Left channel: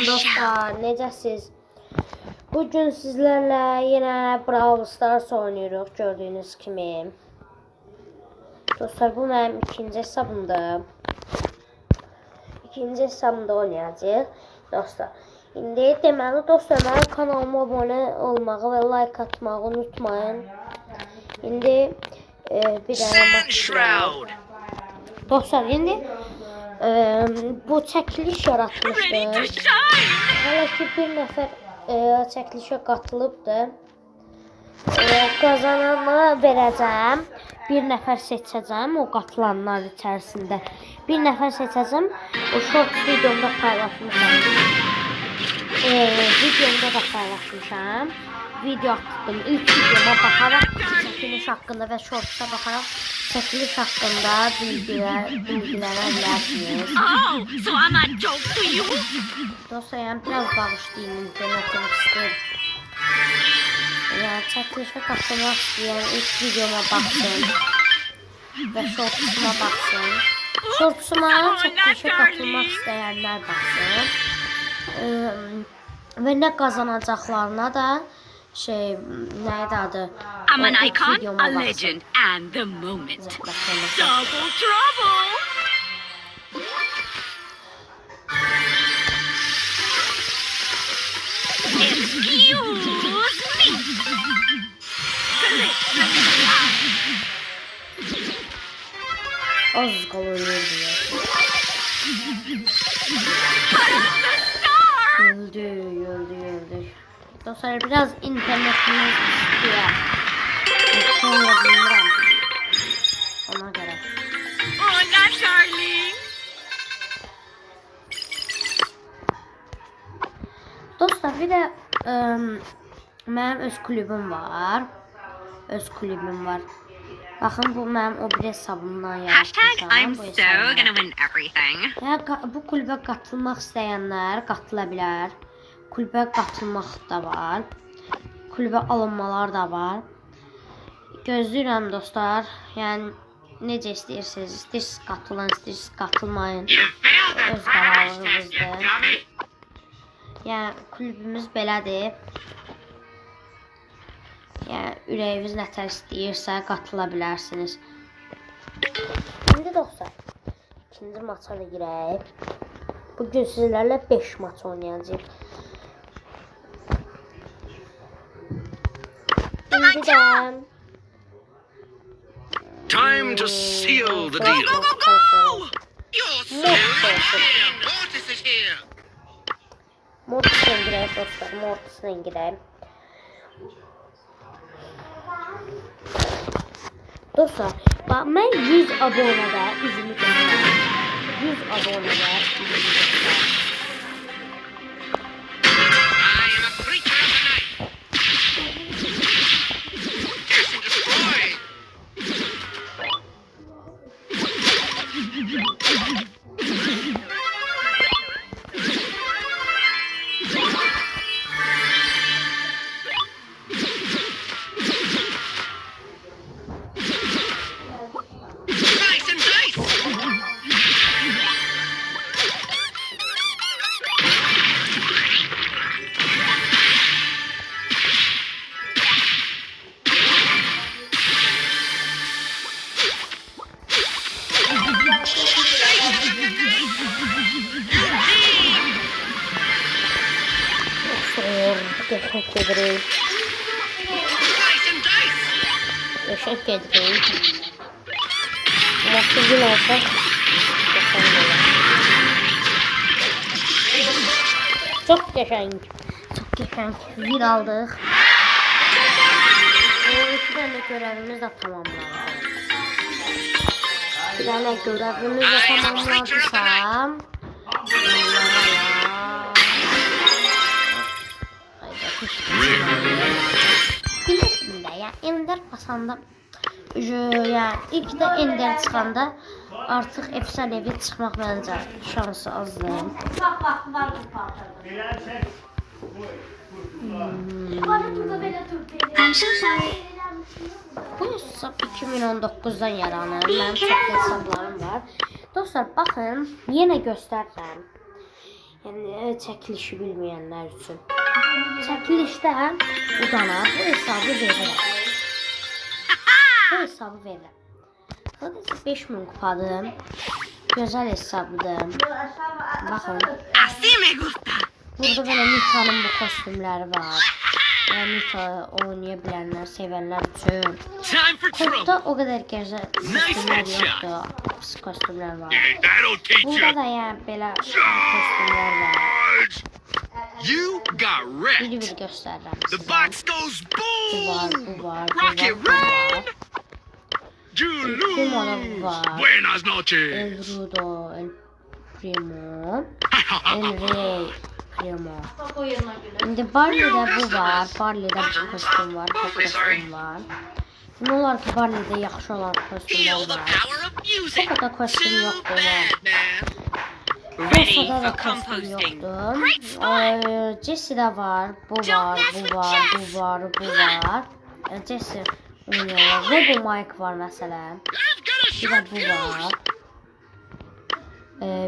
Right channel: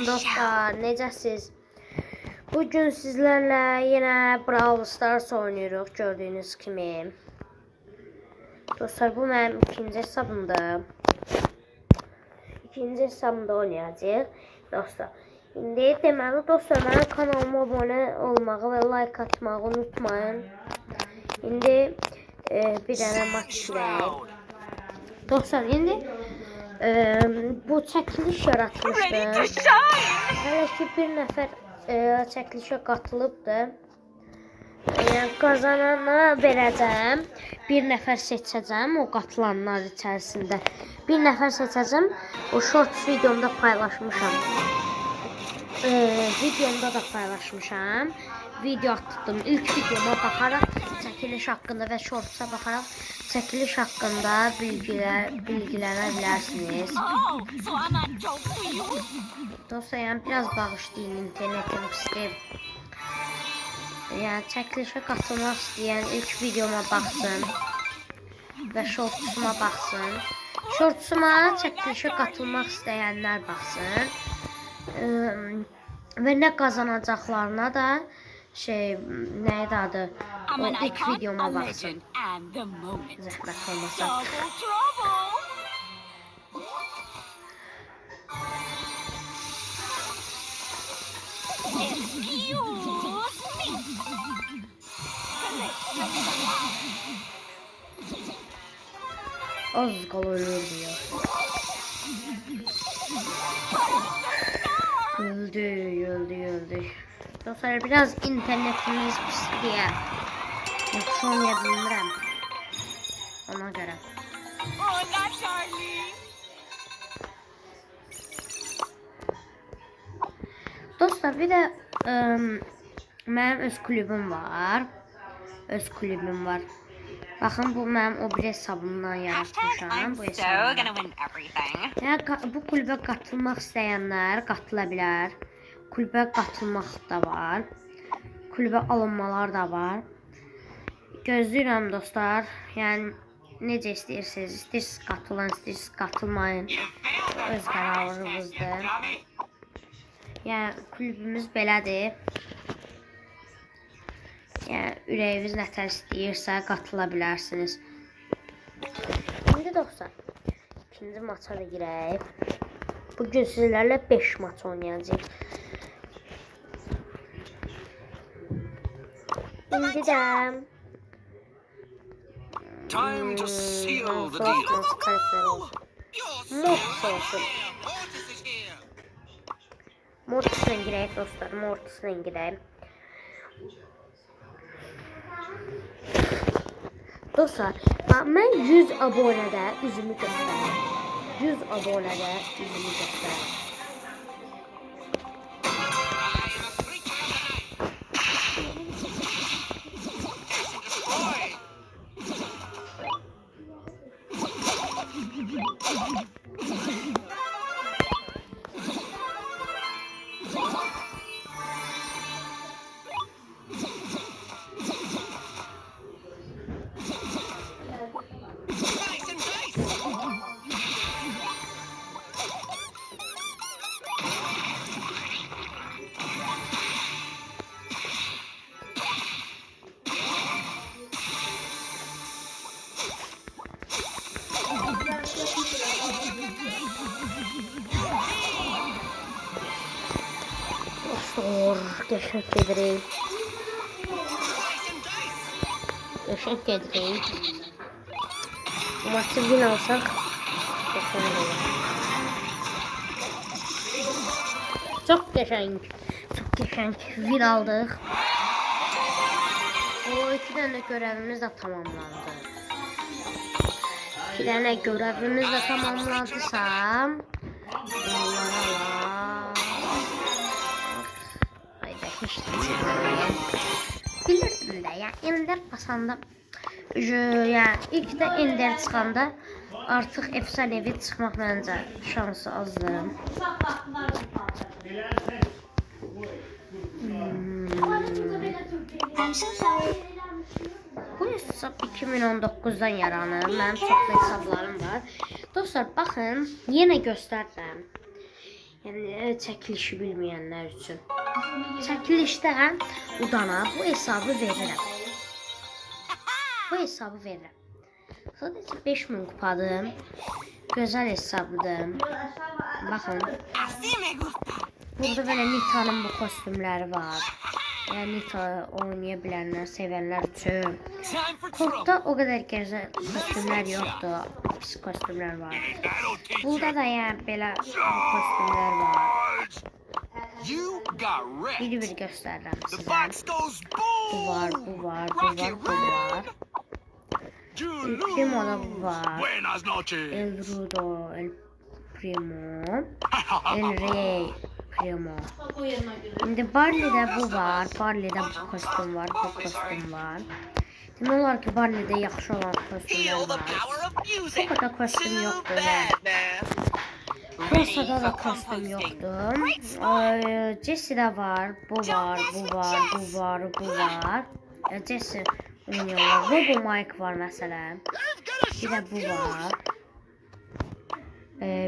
Salam dostlar, necəsiz? Bugün sizlərlə yenə Brawl Stars oynuyoruz gördüyünüz kimi. Dostlar, bu mənim ikinci hesabımdır. İkinci hesabımda oynayacağıq. Dostlar, indi deməli dostlar, mənim kanalıma abunə olmağı və like atmağı unutmayın. İndi bir dənə maç var. Dostlar, indi bu çəkiliş yaratmışdır. Hələ ki bir nəfər çəkilişə qatılıbdır. Qazanana verəcəm. Bir nəfər seçəcəm o qatılanlar içərisində. Bir nəfər seçəcəm. O short videomda paylaşmışam. Videomda da paylaşmışam. Video atdım. İlk videoma baxaraq çəkiliş haqqında və shortsa baxaraq çəkiliş haqqında bilgilərə bilərsiniz. Dostlar, yəni biraz bağışlayın, internetim istəyir. Yəni çəkilişə qatılmaq istəyən ilk videoma baxsın və shortsuma baxsın. Shortsuma çəkilişə qatılmaq istəyənlər baxsın. Və nə qazanacaqlarına da neydi adı? I'm an ilk icon, videoma a baxsın. legend, and the moment. Zəhmət olmasa. Double trouble! Excuse me! Az kalıyor diyor. Öldü. Dostlar, biraz internetimiz pis diye. Sonra bilmirəm. Ona göre. Oh, not darling! Dostlar, bir de mənim öz kulübüm var. Baxın, bu mənim o bir hesabımdan yaratmışam. I'm Bu so hesabımdan. gonna win everything. Yəni, bu kulübə qatılmaq istəyənlər qatıla bilər. Kulübə qatılmaq da var. Kulübə alınmalar da var. Gözləyirəm dostlar. Yəni necə istəyirsiniz? İstəyirsiniz qatılın, istəyirsiniz qatılmayın. Öz qərarınızdır. Yəni kulübümüz belədir. Yəni ürəyiniz nətər istəyirsə qatıla bilərsiniz. İndi dostlar, ikinci maça da girək. Bugün sizlərlə 5 maç oynayacağıq. İndi də Time to seal the deal. Mortis'la girək dostlar, Mortis'la girək. Dostlar, bax, mən 100 abonədə üzümü göstərim. 100 abonədə üzümü göstərim. Geçen gedirik. Bu maçı gün alsak geçen dolar. Çok geçen gün aldık. O 2 tane görevimiz de tamamlandı. Bir tane görevimiz de tamamlandısa bilirdim də, yəni Ender basanda yəni ilk də Ender çıxanda artıq efsanevi çıxmaq məncə şansı azdır. Bu hesab 2019'dan yaranır. Mənim çoxlu hesablarım var. Dostlar, baxın, yenə göstərdim. Yəni çəkilişi bilməyənlər üçün. Çəkilişdə udana bu hesabı verirəm. Bu hesabı verirəm. Sadəcə 5000 kupadır. Gözəl hesabdır. Baxın. Así me gusta. Burada belə Nita'nın bu kostümləri var. Yəni Nita oynaya bilənlər, sevənlər üçün. Time for trouble. Kodda o qədər gözəl kostümlər yoxdur. Pis kostümlər var. That'll teach Burada you. da yəni belə kostümlər var. You got wrecked. Bir göstərirəm The sizə. box goes Bu var, boom. bu var, bu Rocket var, bu var. Primo'da bu var. Buenas noches. El Rudo, El Primo, El Rey Primo. İndi Barley'də bu var. Barley'də bu kostüm var, bu kostüm var. Demək olar ki, Barley'də yaxşı olan kostümlər var. O kadar kostüm yoxdur. Rosa'da da kostüm yoxdur. Jesse'də var, bu var, bu var, bu var, bu var. Jesse oynuyorlar. Robo Mike var məsələn. Bir də bu var.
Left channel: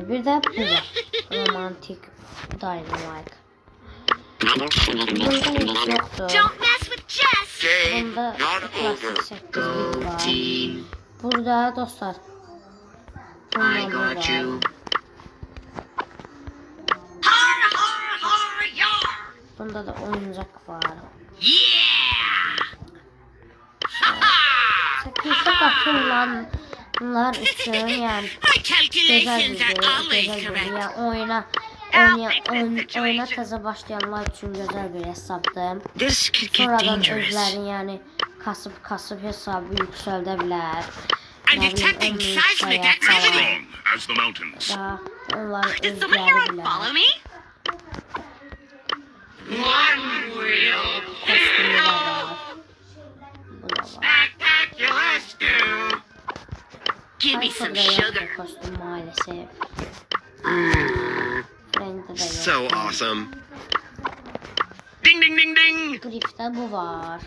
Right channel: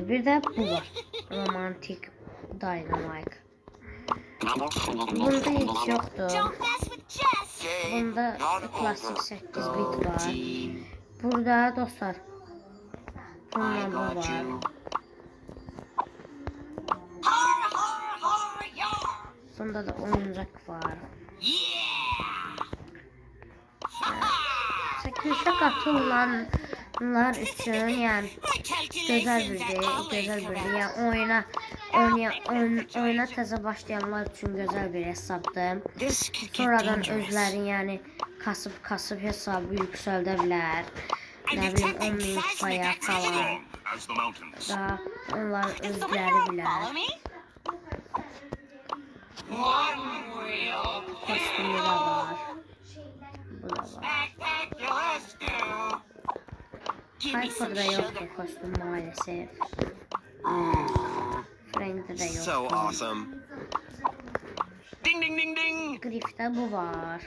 Bir də bu var. Romantik Dynamite. Bunda hiç yoktur. Don't mess with Jess. Bunda klasik 8 bit var. Burada dostlar. Bundan bu var. Har har har yar. Bunda da oyuncak var. Çəkilişə qatılanlar üçün yəni gözəl bir yəni oyuna təzə başlayanlar üçün gözəl bir hesabdır. Sonradan özləri yəni kasıb hesabı yüksəldə bilər. I'm Nə bilim detecting 10.000 seismic kupaya falan activity. As the mountains. da onlar Does somebody özləri ever bilər. follow me? One real Kostümü də var. Bu da var. spectacular stew. Give me some Hyper'da yoxdur sugar. kostüm maalesef. Frank'də də So yoxdur. awesome. Ding ding ding ding. Griff'də bu var.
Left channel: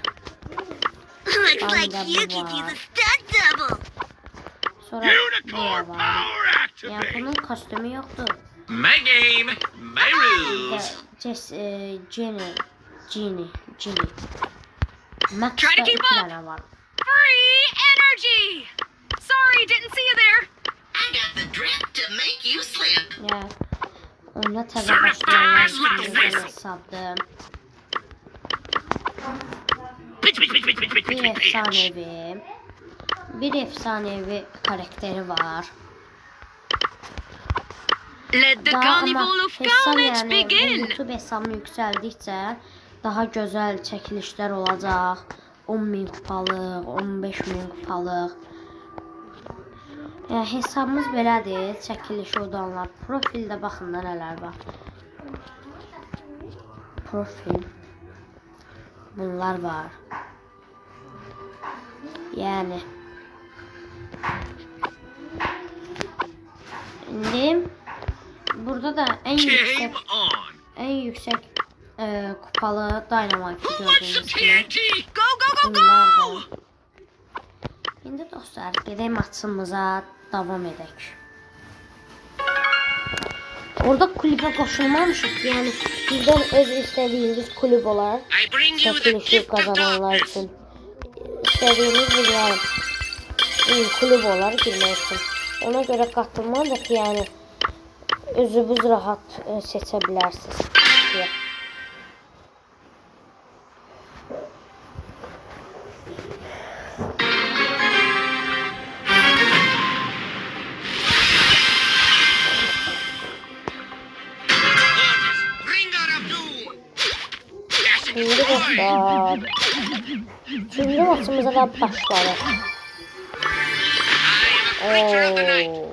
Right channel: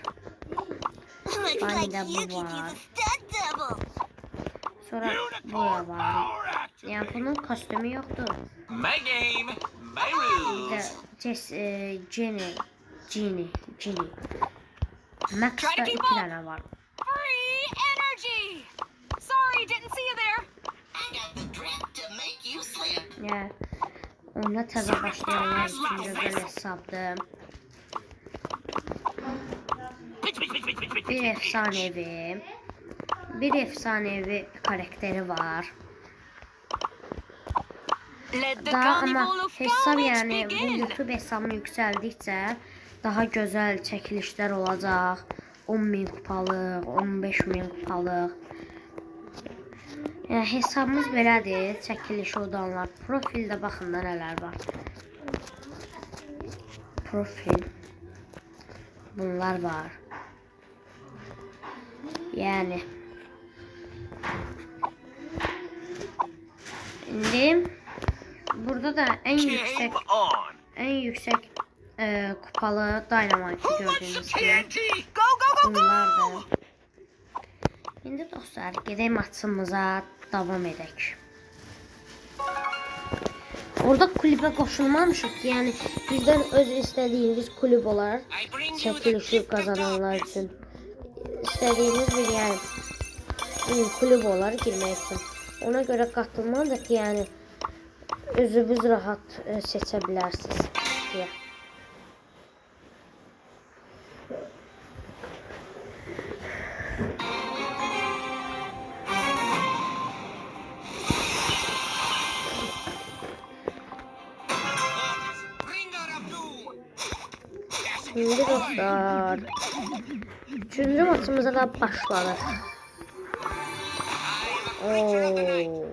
Looks Barney'də like you bu could use var. a stunt double. Sonra buraya Unicorn var. power Yəni activate. bunun kostümü yoxdur. My game, my Bir rules. də Genie. Max'da Try to keep 2 up. dənə var. Free energy. Sorry, didn't see you there. I got the drip to make you slip. Yəni oyuna təzə başlayanlar üçün gözəl hesabdır. Bir efsanevi karakteri var. Let the Daha ama carnival of hesab carnage yəni bu begin. YouTube hesabını yüksəldikcə daha gözəl çəkilişlər olacaq. 10.000 kupalıq, 15.000 kupalıq. Yəni hesabımız belədir. Çəkilişi odanlar. Profildə baxın da nələr var. Profil. Bunlar var. Yəni İndi burada da en Game yüksek on. kupalı Dynamite gördüğünüz gibi. TNT. Go, go, go, Bunlar go. da. Şimdi dostlar gedək maçımıza davam edək. Orada kulübe qoşulmamışıq. Yəni bizdən öz istədiyiniz kulüp olar. I bring you the Çəkilişi gift of kazananlar darkness. üçün istədiyiniz bir yəni kulüp olar girmək üçün. Ona görə qatılmalıyıq, yəni özünüz rahat seçə bilərsiniz deyə. Ringer of doom. Şimdi dostlar, 3-cü maçımıza da başlarıq. I am a creature of the night.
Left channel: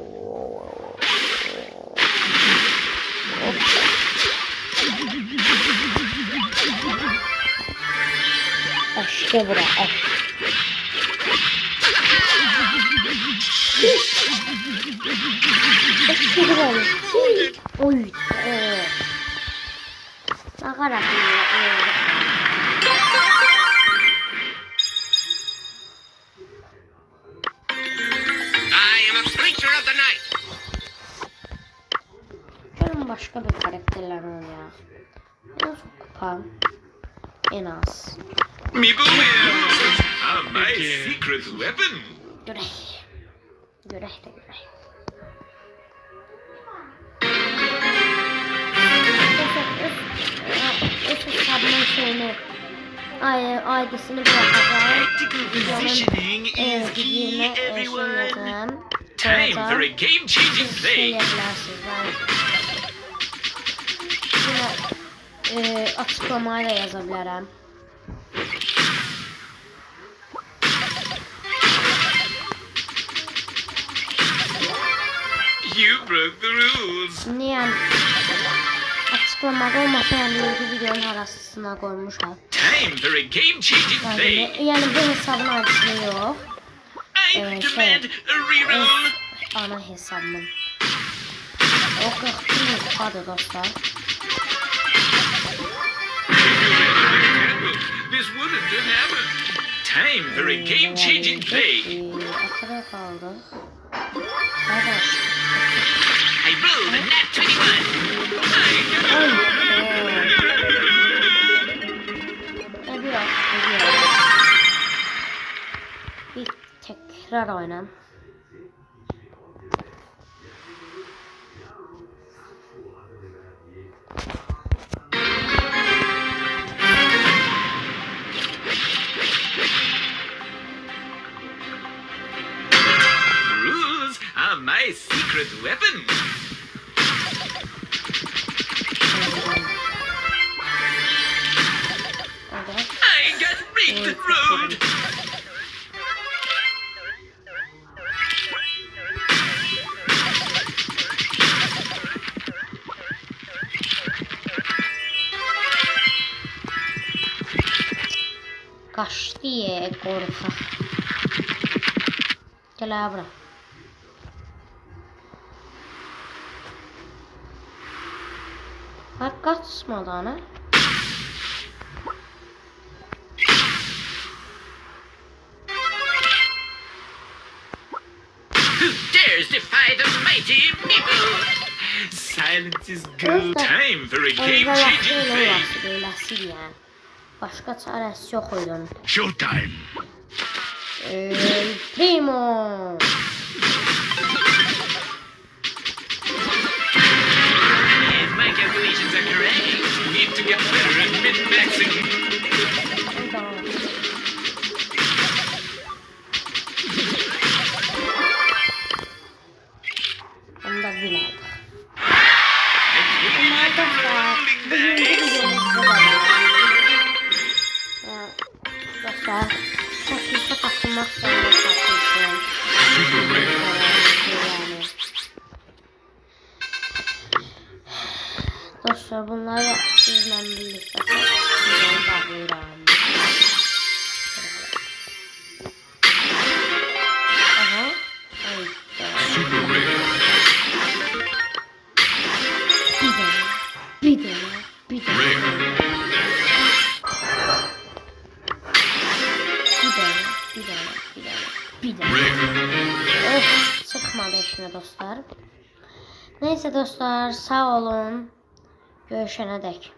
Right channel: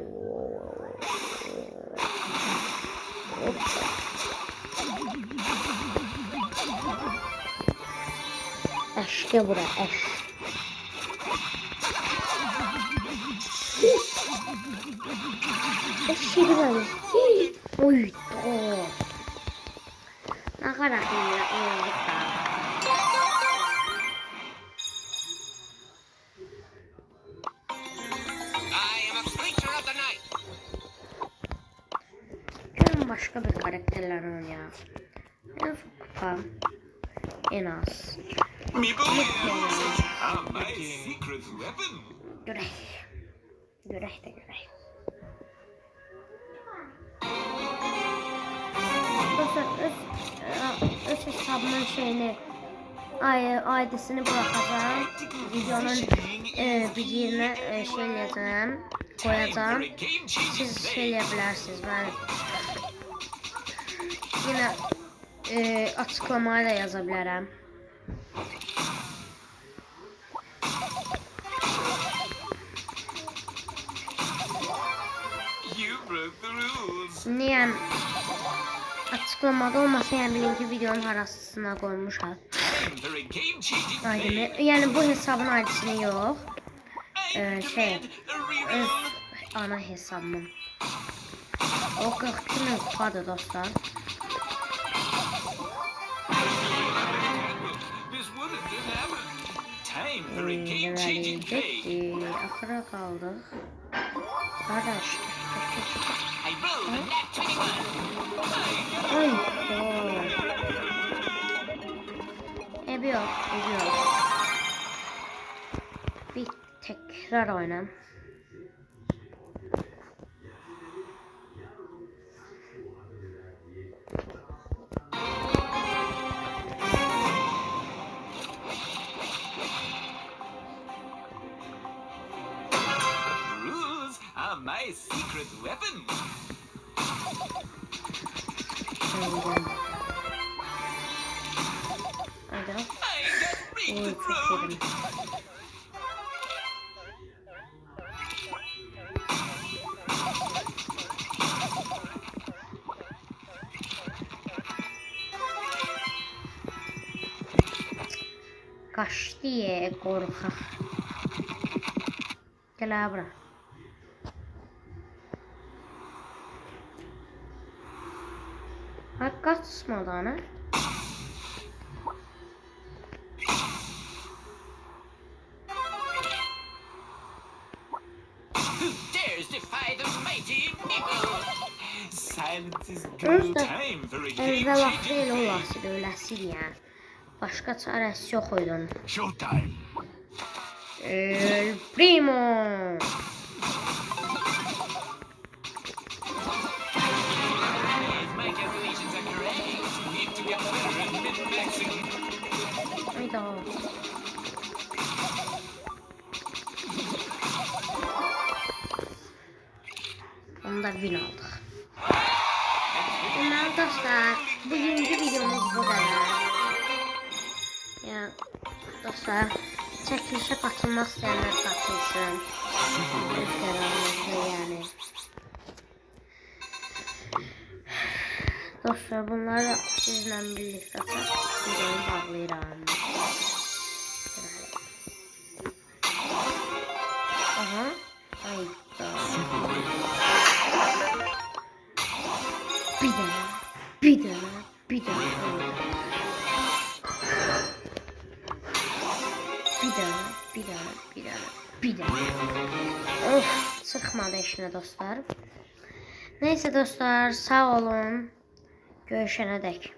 Eşke bura, eş. Eşke bura. Oy. Ne kadar iyi. I am a creature of the night. Görün başka bir karakter. En son kupa. En az. Meeple wins. My secret weapon. Görək. Görək də görək. Dostlar öz hesabımın şeyini ID'sini bırakacağım. Videonun Positioning is bir key, yerine everyone. yazacağım. Time for a Koyacağım. game-changing Siz play. söyleyebilirsiniz. Ben yine açıklamaya da yazabilirim. You broke the rules. Niye açıklamada olmasa yani linki videonun arasına koymuşam. Time for a game-changing play. Yani bu hesabın ID'sini yok. I Evet, demand a reroll. Ana hesabımın. O 42 bin kupadır dostlar. This wouldn't have happened. Time for a game-changing play. Akıra kaldık. Kardeş. I rolled a nat 21. Oy. Ediyor. Bir tekrar oynayalım. Rules are my secret weapon. Hadi. I got rigged road. Kaçtı ya korkak. Gel abi. Har kaçmadı ana. Who dares defy the mighty Meeple? Silence is gold. Time for a Evvel vakti game-changing elə play. olası böyləsi ya. Başqa çarəsi yox idi onun. Showtime. Primo. If my calculations are correct, need to get better at min-maxing. Hayda. Onu da bin aldık. Ama arkadaşlar bugünkü videomuz bu kadar. Dostlar çəkilişə qatılmaq istəyənlər qatılsın. Yani. Dostlar bunları sizlə birlikdə videonu bağlayıram. Aha. Hayda. Bir dene. Bir dene. Of, çıkmadı işine dostlar. Neyse dostlar, sağ olun. Görüşene dek.